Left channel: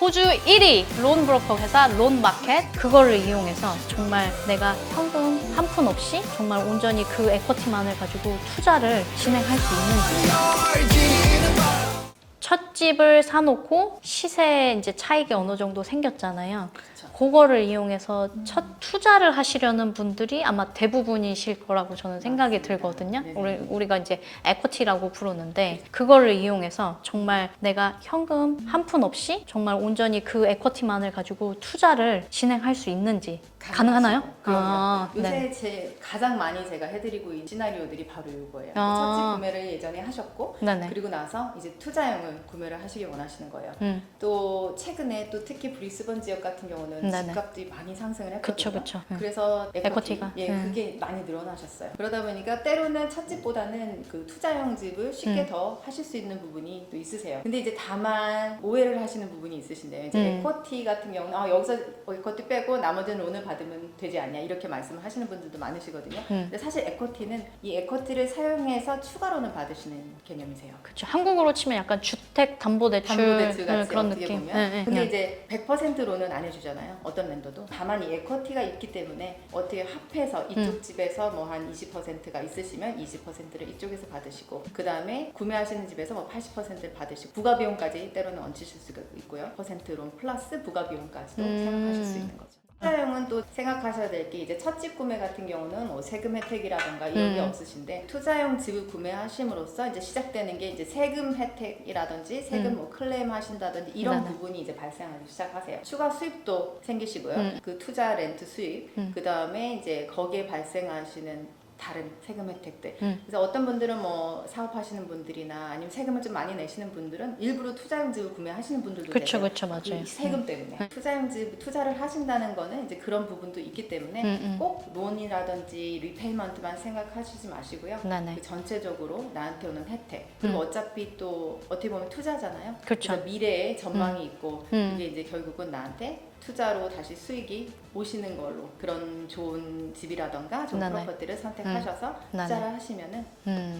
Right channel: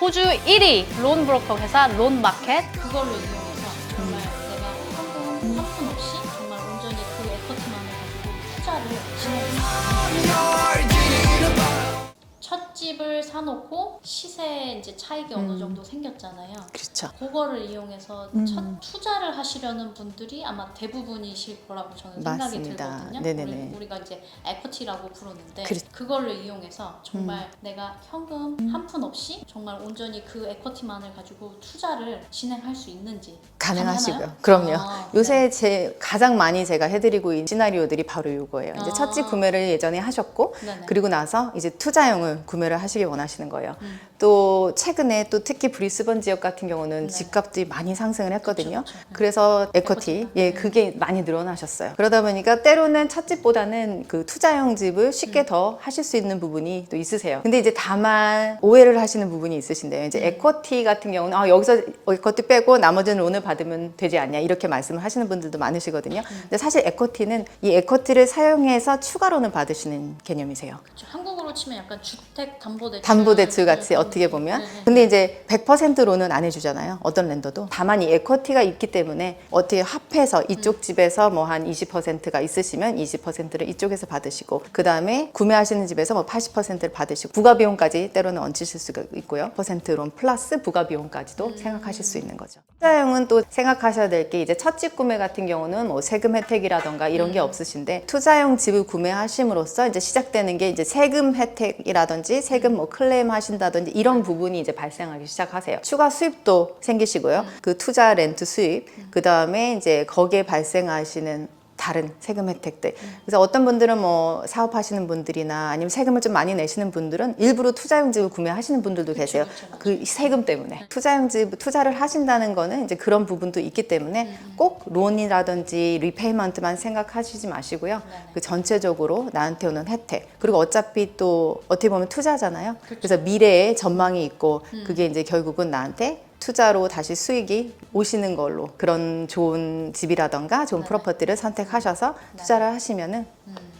호주 1위 론 브로커 회사 론마켓, 그거를 이용해서 정말 내가 현금 한 푼 없이 정말 온전히 그 에쿼티만을 가지고 투자를 진행할 수 있는 거죠. 첫 집을 사놓고 시세 이제 차익이 어느 정도 생겼잖아요. 그렇죠. 그거를 이용해서 첫 투자를 하시려는 분들이 아마 대부분이실 거라고 저는 생각이 맞습니다. 들거든요. 네네네. 우리가 이제 에쿼티라고 부르는데 그렇죠. 그거를 이용해서 정말 내가 현금 한 푼 없이 정말 온전히 그 에쿼티만을 가지고 투자를 진행할 수 있는지 가능하시고요. 가능하나요? 그럼요. 아, 요새 네. 가장 많이 제가 해드리고 있는 시나리오들이 바로 이거예요. 이제 첫 집 구매를 예전에 하셨고, 네네. 그리고 나서 이제 투자용을 구매를 하시길 원하시는 거예요. 또 최근에 또 특히 브리스번 지역 같은 경우는 네네. 집값이 많이 상승을 했거든요. 그쵸. 그래서 에쿼티, 에쿼티가? 예, 그게 많이 늘어나셨어요. 그러다 보니까 때로는 첫 집보다는 그 투자용 집을 쉽게 더 하실 수 있는 부분이 또 있으세요. 근데 이제 다만 오해를 하시는 부분이 있으신데요. 이제 에쿼티 같은 경우는 여기서 에쿼티 빼고 나머지는 론을 받으면 되지 않냐 이렇게 말씀을 하시는 분들도 많으시거든요. 근데 사실 에쿼티는 이 에쿼티를 사용해서 추가로는 받으시는 개념이세요. 그렇죠. 한국으로 치면 약간 주택 담보대출, 담보대출 같이 그런 어떻게 느낌. 보면. 네, 근데 네. 이제 100%로는 안 해주잖아요. 어떤 랜더도. 다만 이 에쿼티가 있기 때문에 어떻게 합해서 이쪽 집에서 뭐 한 20%가 있으시면 20%를 이쪽에서 받으시고, 그 다음에 구매하시는 집에서 뭐 80%를 받으시고, 부가비용까지 때로는 얹으실 수가 있고요. 퍼센트론 플러스 부가비용까지도 생각하실 수 있는 거죠. 투자용은 또 생각하셔야 될 게 이제 첫 집 구매 같은 경우는 뭐 세금 혜택이라던가 이런 게 없으신데, 투자용 집을 구매하심으로써 이제 시작되는 게 이제 세금 혜택이라든지 세금 뭐 클레임 하신다든지 이런 부분이 이제 발생하기 시작하세요. 추가 수입도 생기시고요. 그 투자 렌트 수입, 그 다음에 이제 거기에 발생하시는 다른 세금 혜택들. 그래서 어떤 분들은 뭐 사업하시는 분들이나 아니면 세금을 좀 많이 내시는 분들은 일부러 투자용 집을 구매하시는 분들도 그쵸, 계세요. 그쵸, 맞아요. 그 세금 때문에. 투자용 집 투자를 하신다는 거는 이제 그런 부분도 있기 때문에 꼭 론이라든지 리페이먼트만 생각하시지 마시고요. 네네. 그 전체적으로 나한테 오는 혜택. 그리고 어차피 또 어떻게 보면 투자잖아요. 그쵸. 그래서 미래에 전망이 있고 그게 이제 결국은 나한테 투자로 다시 수익이 오시는 걸로, 그런 좋은 집이라던가 좋은 네네. 프로퍼티를 선택하셔서 네네. 투자를 하시면은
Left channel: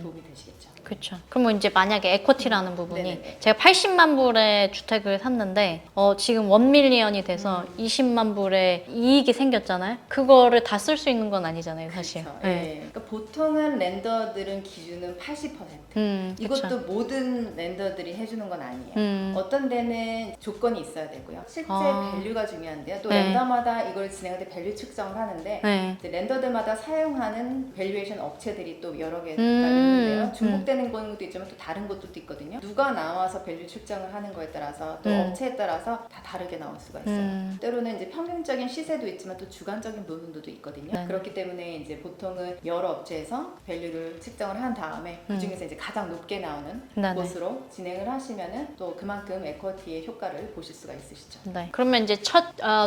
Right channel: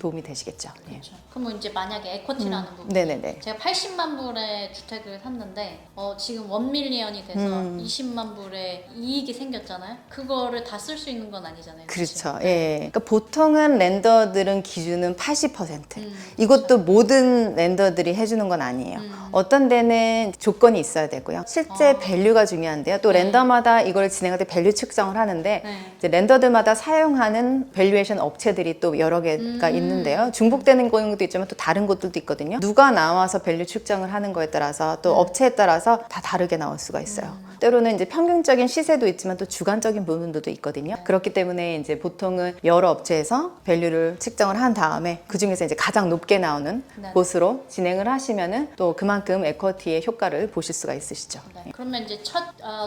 도움이 되시겠죠. 그렇죠. 그러면 이제 만약에 에쿼티라는 부분이 네네네. 제가 80만 불의 주택을 샀는데 지금 1밀리언이 돼서 20만 불의 이익이 생겼잖아요. 그거를 다 쓸 수 있는 건 아니잖아요. 사실. 그렇죠. 예. 그러니까 보통은 랜더들은 기준은 80%. 이것도 그쵸. 모든 랜더들이 해주는 건 아니에요. 어떤 데는 조건이 있어야 되고요. 실제 밸류가 중요한데요. 또 네. 랜더마다 이걸 진행할 때 밸류 측정을 하는데 네. 이제 랜더들마다 사용하는 밸류에이션 업체들이 또 여러 개가 있는데요. 중복되는 경우도 있지만 또 다른 곳들도 있거든요. 누가 나와서 밸류 측정을 하는 거에 따라서 또 업체에 따라서 다 다르게 나올 수가 있어요. 때로는 이제 평균적인 시세도 있지만 또 주관적인 부분도 있거든요. 네. 그렇기 때문에 이제 보통은 여러 업체에서 밸류를 측정을 한 다음에 그 중에서 이제 가장 높게 나오는 네네. 곳으로 진행을 하시면은 또 그만큼 에쿼티의 효과를 보실 수가 있으시죠. 네. 그러면 이제 첫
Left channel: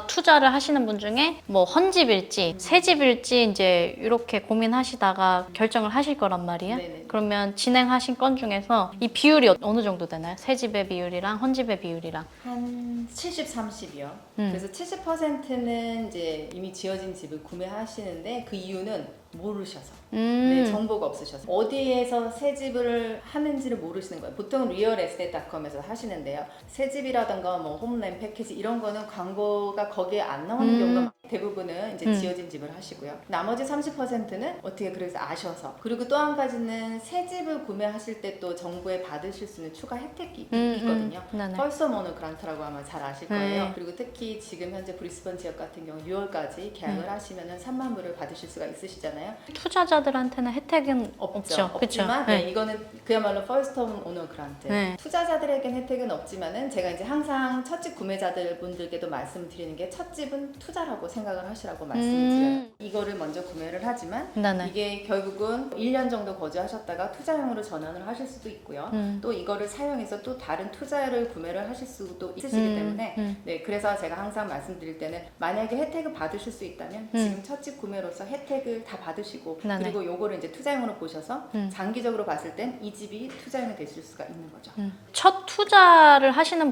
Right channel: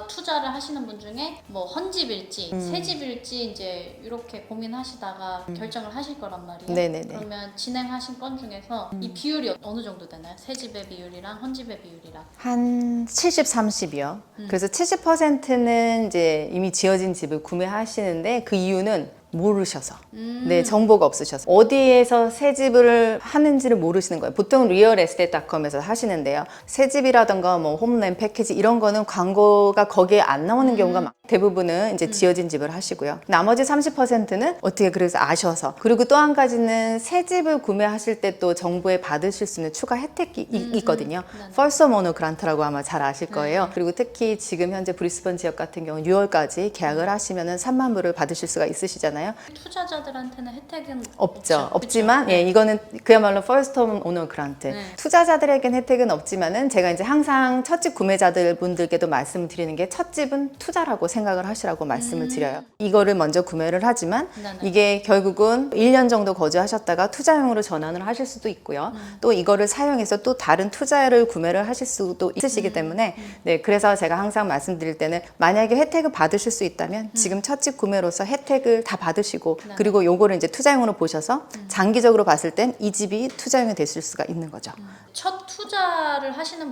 투자를 하시는 분 중에 뭐 헌집일지 새집일지 이제 이렇게 고민하시다가 결정을 하실 거란 말이에요. 네네네. 그러면 진행하신 건 중에서 이 비율이 어느 정도 되나요? 새집의 비율이랑 헌집의 비율이랑. 한 70, 30이요. 그래서 70%는 이제 이미 지어진 집을 구매하시는데 그 이유는 모르셔서, 네, 정보가 없으셔서 어디에서 새 집을 하는지를 모르시는 거예요. 보통 리얼에스테이트닷컴에서 하시는데요. 새 집이라던가 뭐 홈랜 패키지 이런 거는 광고가 거기에 안 나오는 경우가 많아요. 대부분은 이제 지어진 집을 하시고요. 나머지 30%는 어떻게 그래서 아셔서, 그리고 또 한 가지는 새 집을 구매하실 때 또 정부에 받으실 수 있는 추가 혜택이 있거든요. 네네. 펄서 모노 그란트라고 아마 잘 아실 거예요. 그리고 특히 지금 현재 브리스번 지역 같은 경우 6월까지 계약을 하시면은 3만 불을 받으실 수가 있으시잖아요. 투자자들한테는 혜택은 없죠. 없죠. 없지만 그쵸? 예, 이거는 그야말로 퍼스트 홈 오너 그란트. 네. 투자자들에겐 혜택은 없지만은 제가 이제 항상 첫집 구매자들 분들께도 말씀드리는 게 첫집은 투자라고 생각을 하시라고 말씀을 드려요. 이거를 먼저 구매를 하지만 네네. 이게 결국은 1년 정도 거주하셨다가 투자용으로 전환을 하실 수도 있고요. 또 이거를 사용해서 또 다른 투자를 구매를 하실 수도 있으시기 때문에 네, 그래서 제가 항상 말씀드릴 때는 만약에 혜택을 받으실 수 있다면 지금 첫집 구매로서 혜택을 다 받으실 받으시고 네네. 그리고 요거를 이제 투자용으로 보셔서 장기적으로 봤을 땐 이 집이 투자용이 됐을 수가 있는 거죠. 첫 투자를 하시는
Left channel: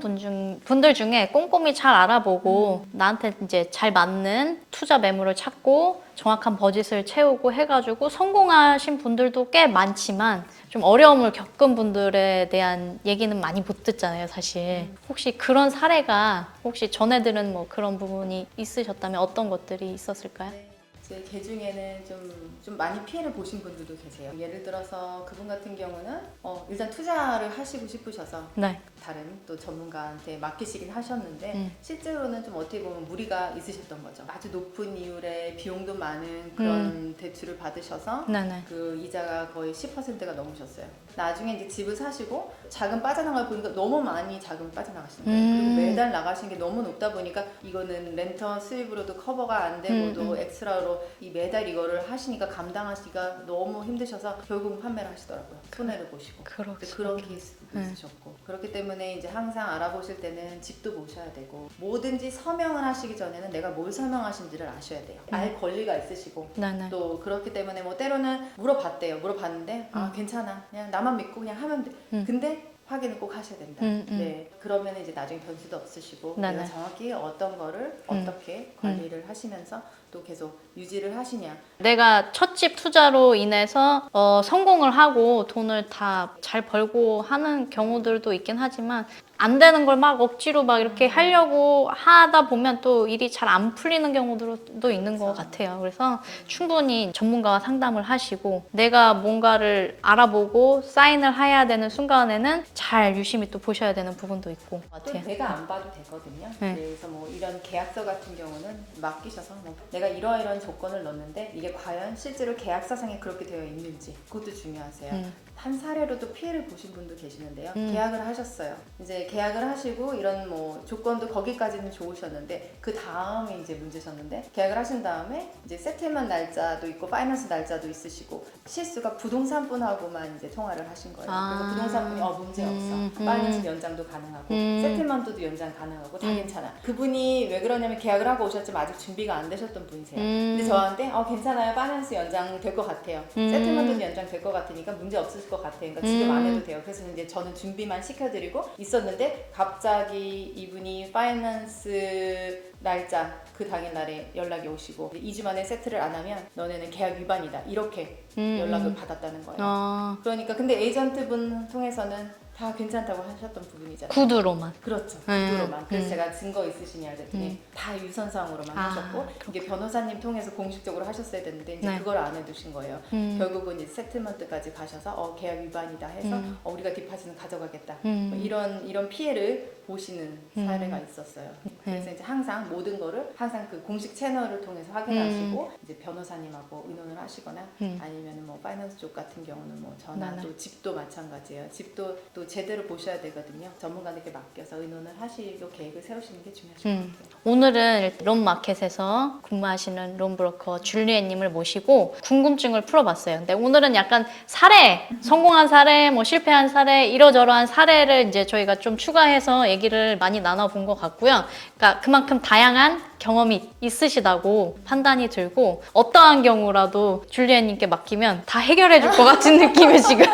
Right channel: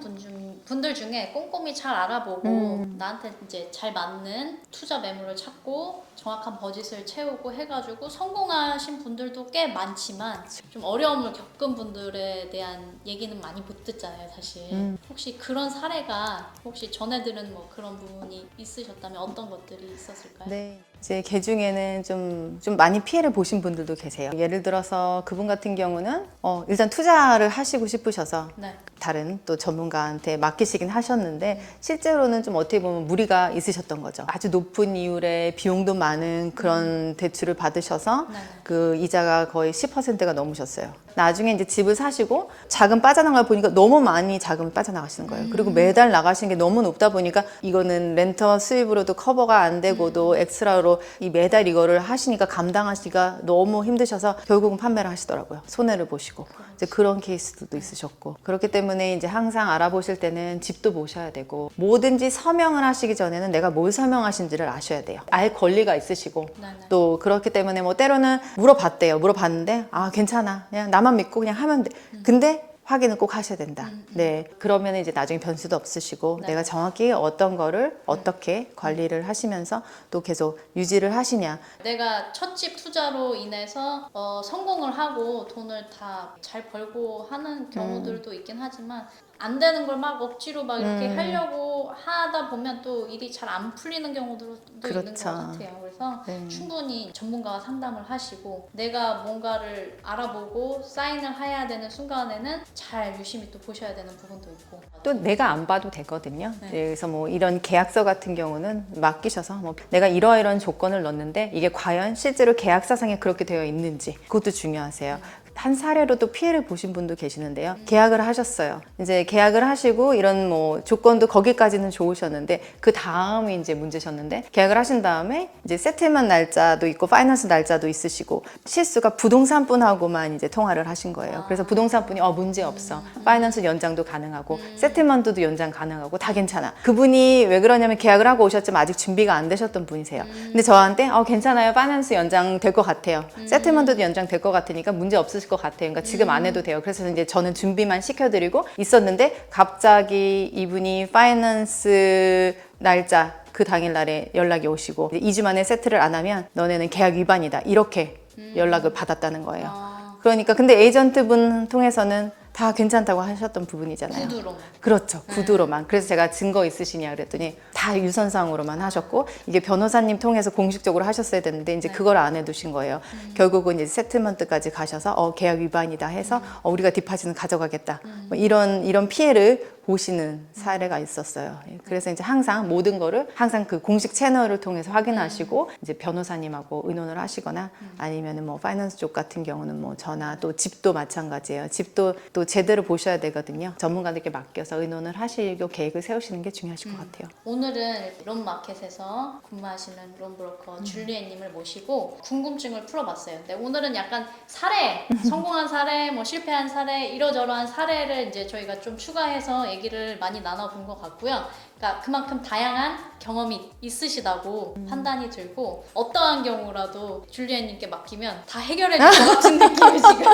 분들 중에 꼼꼼히 잘 알아보고 나한테 이제 잘 맞는 투자 매물을 찾고 정확한 버짓을 채우고 해가지고 성공하신 분들도 꽤 많지만 좀 어려움을 겪은 분들에 대한 얘기는 많이 못 듣잖아요, 사실. 혹시 그런 사례가 혹시 전해 들은 뭐 그런 부분이 있으셨다면 어떤 것들이 있었을까요? 네. 이제 개 중에는 좀 많이 피해를 보신 분들도 계세요. 예를 들어서 그분 같은 경우는 일단 투자를 하시고 싶으셔서 네. 다른 또 전문가한테 맡기시긴 하셨는데 실제로는 좀 어떻게 보면 무리가 있으셨던 거죠. 아주 높은 이율의 비용도 많은 그런 대출을 받으셔서 네네. 그 이자가 거의 10%가 넘으셨어요. 나중에 이제 집을 사시고 자금 빠져나갈 보니까 너무 많이 자금이 빠져나가시는 거예요. 그리고 매달 나가시는 게 너무 높다 보니까 이거는 렌터 수입으로도 커버가 안 되고도 엑스트라로 이 매달 이거를 하시니까 감당하시기가 너무 힘드셔서 결국은 판매를 하시더라고요. 손해를 보시고. 이제 그런 케이스도 있으셨고. 그렇기 때문에 이제 항상 알아보실 때는 집도 보셔야 되고 뭐든지 서명을 하시기 전에는 내가 뭘 서명하신지를 아셔야 돼요. 알 권리가 있으시고 네네. 또 그렇기 때문에 뭐 때로는 물어봤대요. 물어봤는데 아 괜찮아. 그냥 나만 믿고 그냥 하면 돼. 근데 확인을 꼭 하셔야 된다. 네, 그러면 이제 나중에 변수도 없으시고 네네. 내가 정확히 어떤 거를 어떻게 관리를 하시면서 또 계속 유지를 하시냐. 내가 첫 집 투자로 인해서 성공을 하고 돈을 다 잘 벌고 하는 경우들도 있긴 하지만 안 되는 걸 막 억지로 막 이렇게 하려고 하다 보면 또 일이 잘 안 풀리는 경우들도 있는 것 같아요. 그래서 충분히 전문가와 상담을 하시고 내가 뭔가를 알아보고 사인을 해야 되는 순간에는 잘 유심히 또 보셔야 되는 부분도 있고. 또 내가 안 봐도 되거든요. 네. 그래서 뭐 이런 계약서 같은 경우는 맡기셔서 뭐 내가 이러이러한 조건을 넣었는데 이게 과연 실제로 계약서상에 그렇게 되어 있는지 그것도 중요하세요. 한 사례로 또 피해를 보신 분도 계시는데요. 계약을 하셨어요. 이제 계약을 하시고 이런 뭐 조건도 거기까지는 좋으셨는데 그 다음이 이제 문제셨는데 계약을 하신 다음에 이제 세틀먼 날짜도 있고 파이낸스 날짜도 있으시고 실수가 부동산 분하고만 이제 통화를 하신 거예요. 그래서 부동산 분이 문제 없어. 파이낸스 연장도 가능하고 세틀먼트도 연장 가능하고 다 괜찮아. 그분이 왜 그러냐면 계약을 하고 오셨지만 아직 준비가 안 되셨던 분이세요. 근데 저한테 괜찮아요. 파이낸스 연장 될 것 같아요. 세틀먼트도 연장 될 것 같으니까 문제 없으실 것 같아요. 그러니까 지금 안 해도 돼요. 그래서 이제 저는 준비만 시켜드리고 있었는데 갑자기 이분이 파이낸스 날짜 그 당일날에 연락이 오시고 2주 만에 세트를 안 하면 너네는 계약 위반이다. 이렇게 연락을 받았다는 거예요. 그러니까 근데 에이전트분 통해서는 다 괜찮다고 하셨던 부분이잖아요. 구두로만. 그렇죠. 구두로만. 그래서 제가 증거 있으시냐 그랬더니 다 유선상으로만 하셨고 이게 변호사님 통해서 공식적으로 하셨어야 되는데 이제 그걸 안 해두신 거예요. 결국은 이제 세틀먼트까지 가셔서 계약 위반이다 해서 우리가 디파짓은 가져가겠다. 뭐 이런 피해를 보시는 사례가 있었어요. 그래서 이제 항상 모든 거를 항상 그 공식 채널을 통해서 확인하시고 이제 변호사님하고 의논을 하시거나 아니면은 뭐 파이낸스 쪽 같은 경우는 뭐 전화 또 집도 마찬가지예요. 집도 또 제대로 보셔야 되거든요. 전문가들께 맡겨서 의논을 하시고 계획을 세우시는 게 중요하실 것 같아요. 오늘은 론마켓에서 근무하시는 론브로커 줄리엣님을 모시고 궁금증을 풀어봤어요. 근데 오늘은 약간 사례, 성공한 사례, 뭐 실패한 사례, 이러저러한 사례를 이제 저희가 좀 추가해서 얘기를 많이 나눠본 것 같고요. 그러니까 그만큼 다양한 경험이 있으시다고 판단이 들고 어떠한 경우라도 줄리엣님께 맡기면 다 해결해 줄 것 같은 느낌이 지금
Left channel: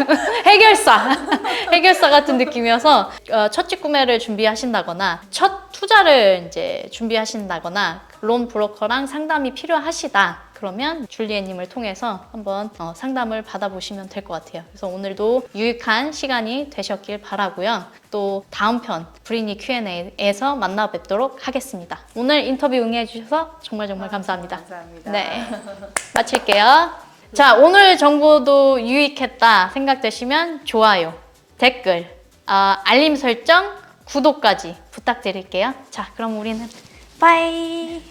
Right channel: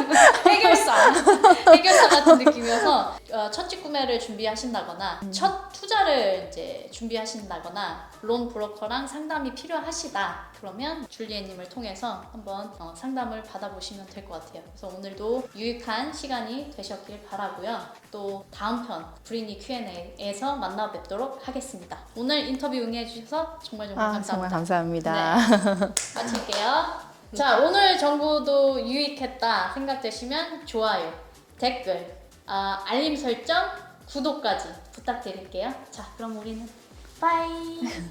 해결사 같은 느낌이어서 첫 집 구매를 준비하신다거나 첫 투자를 이제 준비하신다거나 론 브로커랑 상담이 필요하시다. 그러면 줄리엣님을 통해서 한번 상담을 받아보시면 될 것 같아요. 그래서 오늘도 유익한 시간이 되셨길 바라고요. 또 다음 편 브리니 Q&A에서 만나 뵙도록 하겠습니다. 오늘 인터뷰 응해주셔서 정말 감사합니다. 정말 감사합니다. 네, 마칠게요. 자, 오늘 정보도 유익했다 생각되시면 좋아요, 댓글, 알림 설정, 구독까지 부탁드릴게요. 자, 그럼 우리는 빠이.